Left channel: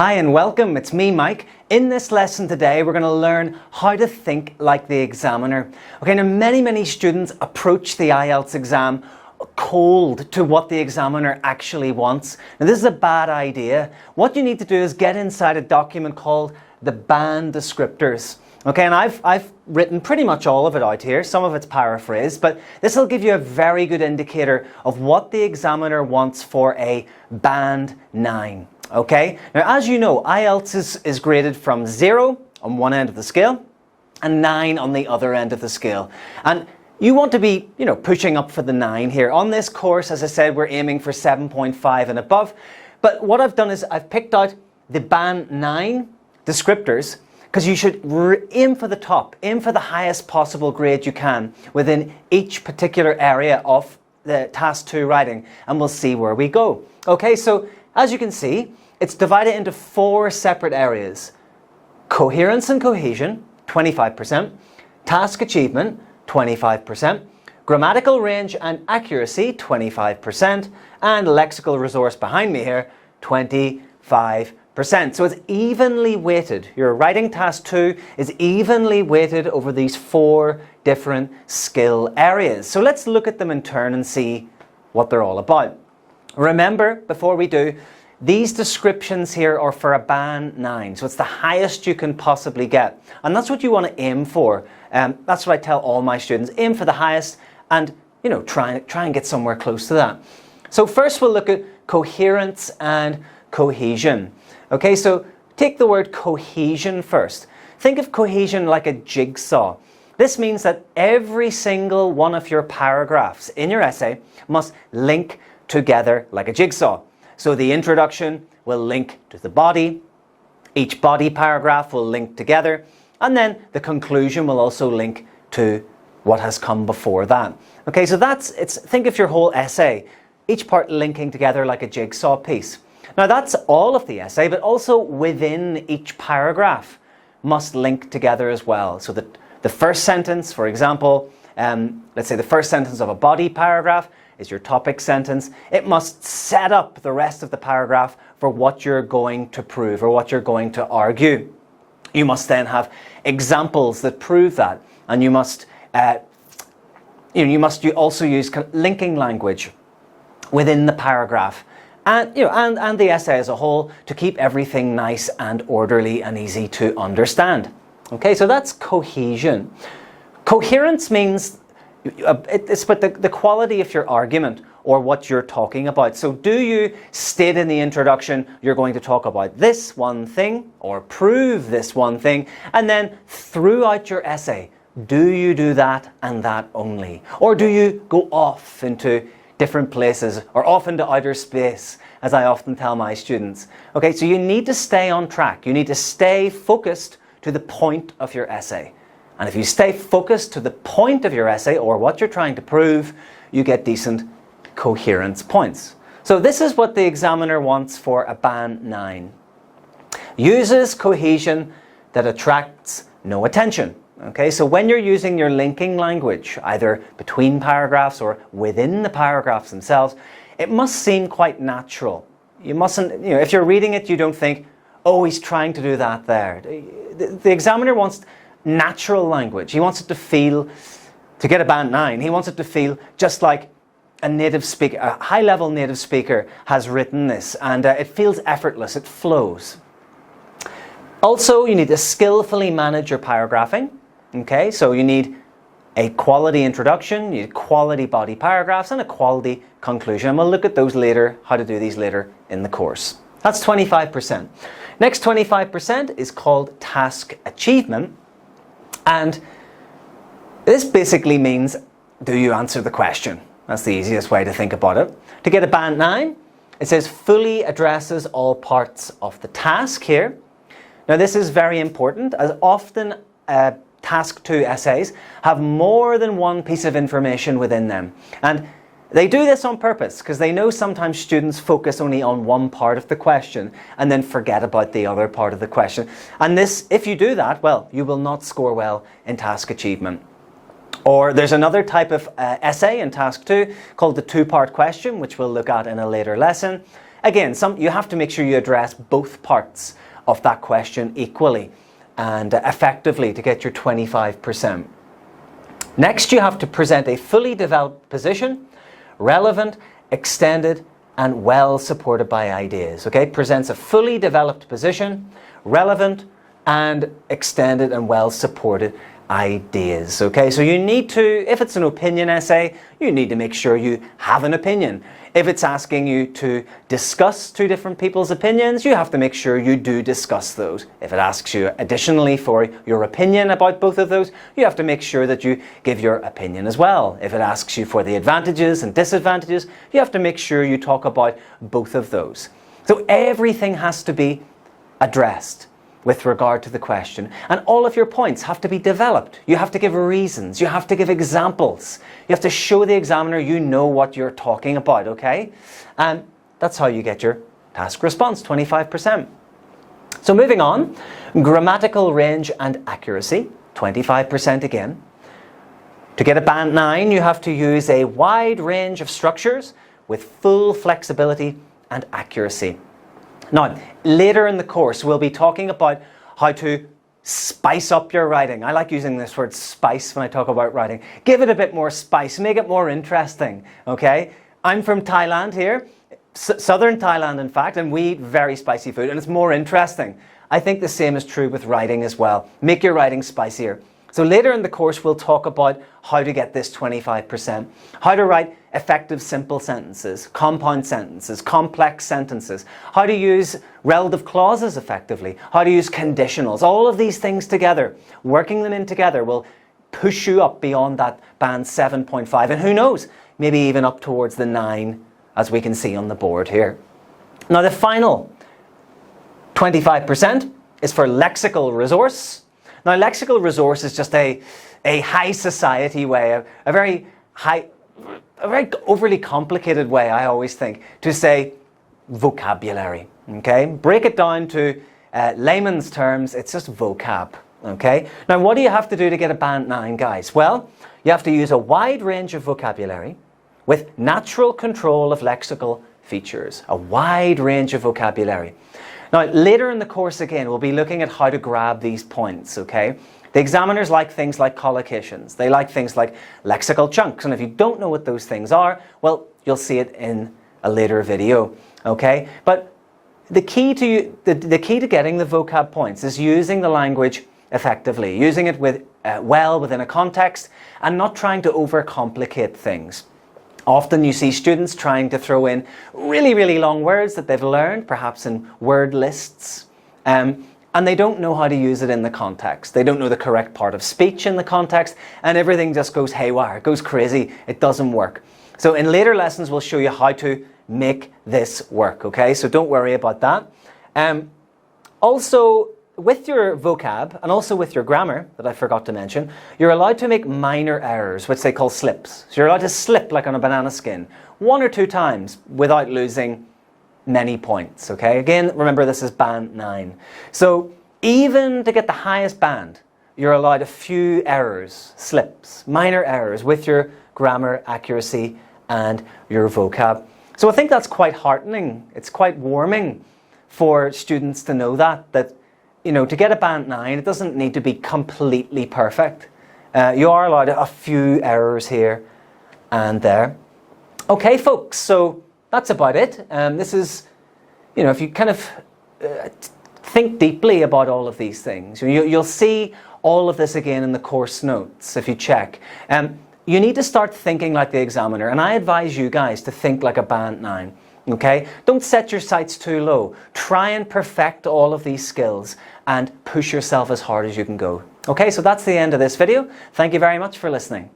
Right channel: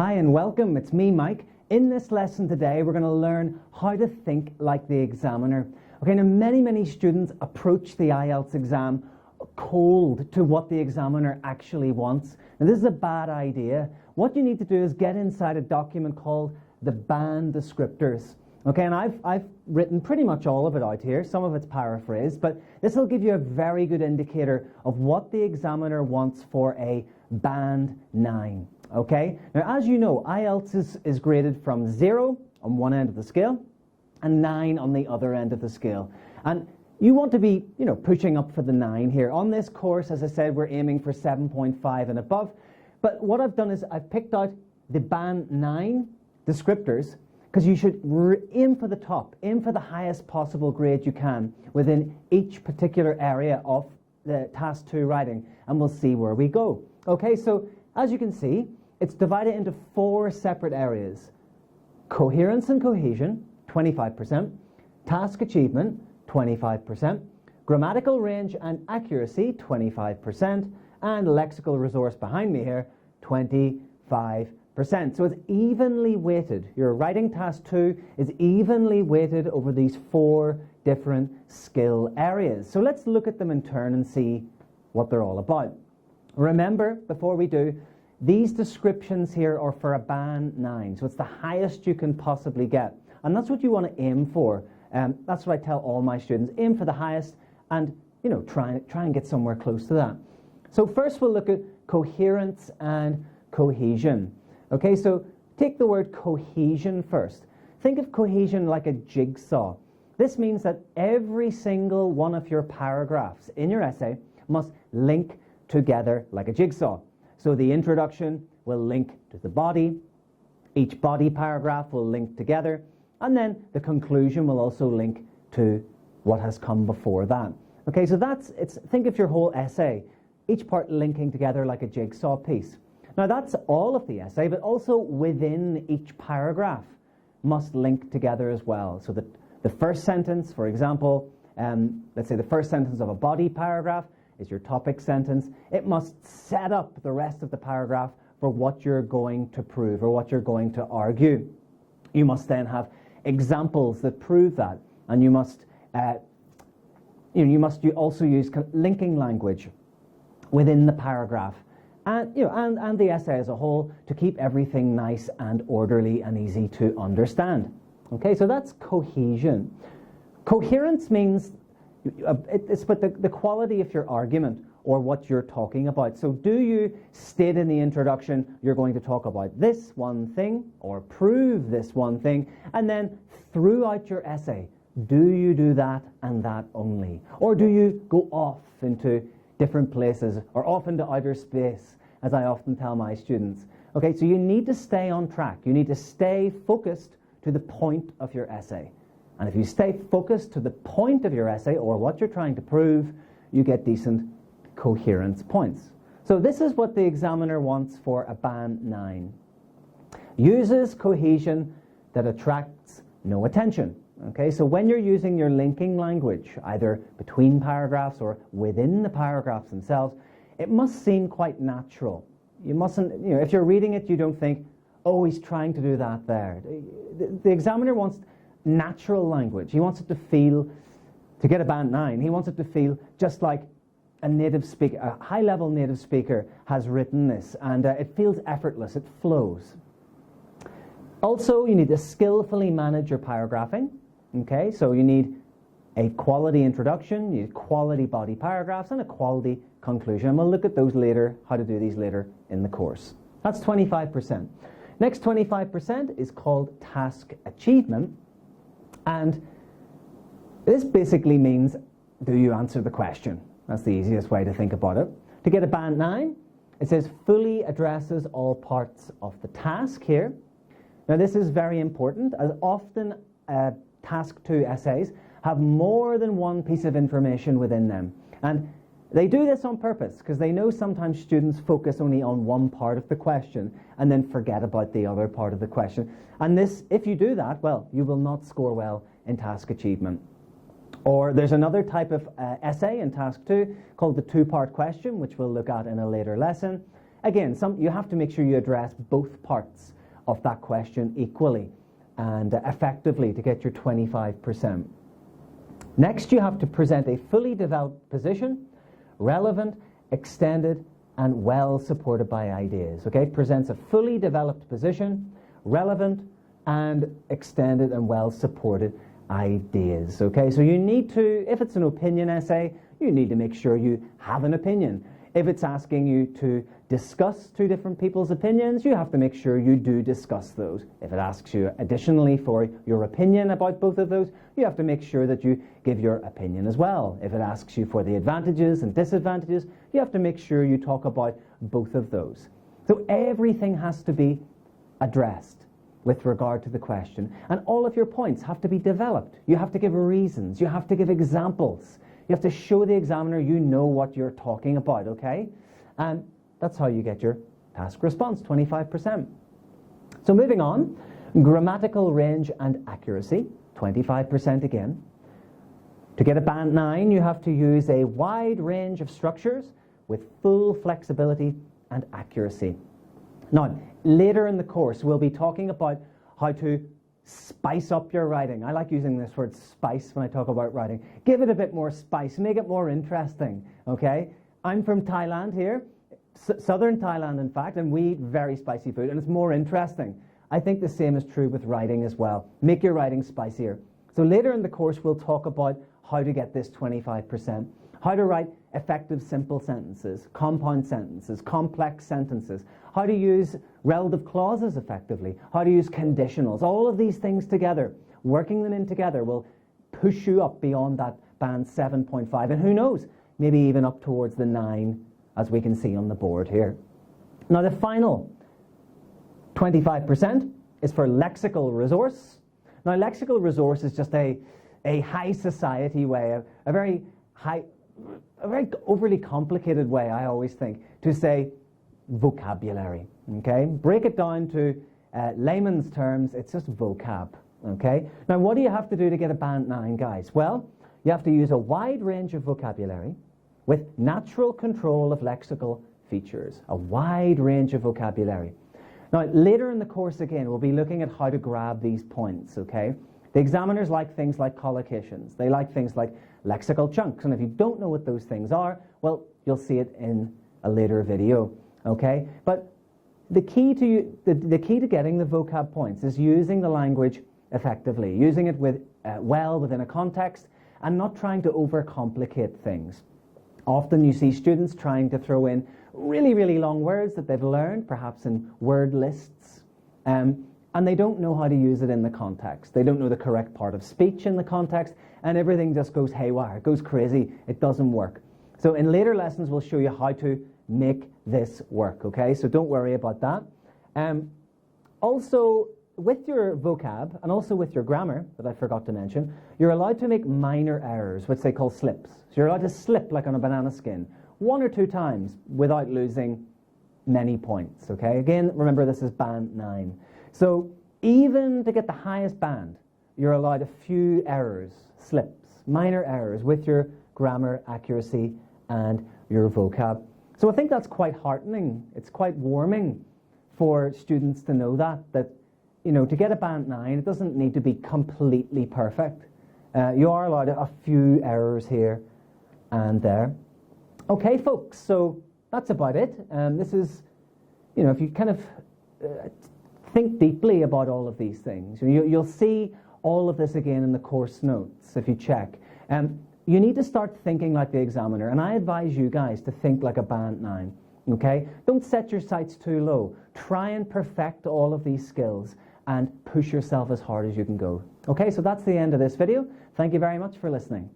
Hi and welcome, it's me Mike. In this lesson today we're going to learn how to think like the examiner. Okay, now many students approach the IELTS exam cold to what the examiner actually wants. Now this is a bad idea. What you need to do is get inside a document called the band descriptors. Okay, and I've written pretty much all of it out here. Some of it's paraphrased, but this will give you a very good indicator of what the examiner wants for a band 9. Okay, now as you know, IELTS is graded from 0 on one end of the scale and 9 on the other end of the scale. And you want to be, pushing up for the 9 here. On this course, as I said, we're aiming for 7.5 and above. But what I've done is I've picked out the band 9 descriptors because you should aim for the top, aim for the highest possible grade you can within each particular area of the Task 2 writing, and we'll see where we go. Okay, so as you can see, it's divided into 4 separate areas. Coherence and Cohesion, 25%. Task Achievement, 25%. Grammatical Range and Accuracy, 25%. And Lexical Resource behind me here, 25%. So it's evenly weighted. Your writing Task 2 is evenly weighted over these 4 different skill areas. So let's look at them in turn and see what they're all about. Remember, before we do, these descriptions here are for a band 9, so it's the highest you can possibly get. And that's what you want to aim for. That's what I tell all my students. Aim for the highest and, try and get somewhere close to that. So first we'll look at coherence and cohesion. Okay, so take the word cohesion first. Think of cohesion like a jigsaw. This means that every single one of your paragraphs in your essay must link together like a jigsaw. So the introduction will link to the body, each body paragraph will link together, and then the conclusion will also link to what has come before that. Okay, so think of your whole essay, each part linking together like a jigsaw piece. Now that's all of the essay, but also within each paragraph must link together as well. So that the first sentence, for example, let's say the first sentence of a body paragraph is your topic sentence. It must set up the rest of the paragraph for what you're going to prove or what you're going to argue. You must then have examples that prove that, and you must also use linking language within the paragraph, and the essay as a whole to keep everything nice and orderly and easy to understand. Okay, so that's cohesion. Coherence means it's about the quality of your argument or what you're talking about. So do you state in the introduction you're going to talk about this one thing or prove this one thing, and then throughout your essay, do you do that and that only? Or do you go off into different places or off into outer space, as I often tell my students? Okay, so you need to stay on track. You need to stay focused to the point of your essay. And if you stay focused to the point of your essay or what you're trying to prove, you get decent coherence points. So this is what the examiner wants for a band 9. Uses cohesion that attracts no attention. Okay, so when you're using your linking language, either between paragraphs or within the paragraphs themselves, it must seem quite natural. You mustn't, if you're reading it, you don't think, oh, he's trying to do that there. The examiner wants natural language. He wants it to feel, to get a band 9, he wants it to feel just like a native speaker, a high-level native speaker has written this, and it feels effortless, it flows. Also, you need to skillfully manage your paragraphing. Okay, so you need a quality introduction, you need quality body paragraphs, and a quality conclusion. And we'll look at those later, how to do these later in the course. That's 25%. Next 25% is called task achievement. And this basically means, do you answer the question? That's the easiest way to think about it. To get a band 9, it says fully addresses all parts of the task here. Now this is very important, as often Task 2 essays have more than one piece of information within them. And they do this on purpose because they know sometimes students focus only on one part of the question and then forget about the other part of the question. And this, if you do that, well, you will not score well in task achievement. Or there's another type of essay in Task 2 called the 2-part question, which we'll look at in a later lesson. again, you have to make sure you address both parts of that question equally and effectively to get your 25%. Next, you have to present a fully developed position, relevant, extended, and well supported by ideas. Okay, presents a fully developed position, relevant, and extended and well supported ideas. Okay, so you need to, if it's an opinion essay, you need to make sure you have an opinion. If it's asking you to discuss two different people's opinions, you have to make sure you do discuss those. If it asks you additionally for your opinion about both of those, you have to make sure that you give your opinion as well. If it asks you for the advantages and disadvantages, you have to make sure you talk about both of those. So everything has to be addressed with regard to the question, and all of your points have to be developed. You have to give reasons, you have to give examples, you have to show the examiner you know what you're talking about, okay? And that's how you get your task response, 25%. So moving on, grammatical range and accuracy, 25% again. To get a band 9, you have to use a wide range of structures with full flexibility and accuracy. Now, later in the course, we'll be talking about how to spice up your writing. I like using this word spice when I talk about writing. Give it a bit more spice, make it more interesting, okay? I'm from Thailand here, southern Thailand in fact, and we eat very spicy food, and it's more interesting. I think the same is true with writing as well. Make your writing spicier. So later in the course, we'll talk about how to get this 25%, how to write effective simple sentences, compound sentences, complex sentences, how to use relative clauses effectively, how to use conditionals. All of these things together, working them in together will push you up beyond that band 7.5, and who knows, maybe even up towards the 9, as we can see on the board here. Now the final 25% is for lexical resource. Now, lexical resource is just a high society way, a very overly complicated way, I always think, to say vocabulary, okay? Break it down to layman's terms, it's just vocab, okay? Now, what do you have to do to get a band 9, guys? Well, you have to use a wide range of vocabulary with natural control of lexical features, a wide range of vocabulary. Now, later in the course, again, we'll be looking at how to grab these points, okay? The examiners like things like collocations. They like things like lexical chunks. And if you don't know what those things are, well, you'll see it in a later video, okay? But the key to getting the vocab points is using the language effectively, using it well within a context, and not trying to overcomplicate things. Often you see students trying to throw in really, really long words that they've learned, perhaps in word lists, and they don't know how to use it in the context. They don't know the correct part of speech in the context, and everything just goes haywire, it goes crazy, it doesn't work. So in later lessons, we'll show you how to make this work, okay? So don't worry about that. Also, with your vocab and also with your grammar, that I forgot to mention, you're allowed to make minor errors, which they call slips. So you're allowed to slip like on a banana skin 1 or 2 times without losing many points, okay? Again, remember this is band 9. So even to get the highest band, you're allowed a few errors, slips, minor errors with your grammar accuracy and your vocab. So I think that's quite heartening. It's quite warming for students to know that you know, to get a band 9, it doesn't need to be completely perfect. You are allowed a few errors here and there. Okay, folks, so that's about it. This is, you know, if you kind of think deeply about all of these things, you'll see all of this again in the course notes if you check. You need to start thinking like the examiner, and I advise you guys to think like a band 9. Okay? Don't set your sights too low. Try and perfect all of these skills and push yourself as hard as you can go. Okay, so that's the end of this video. Thank you very much for listening.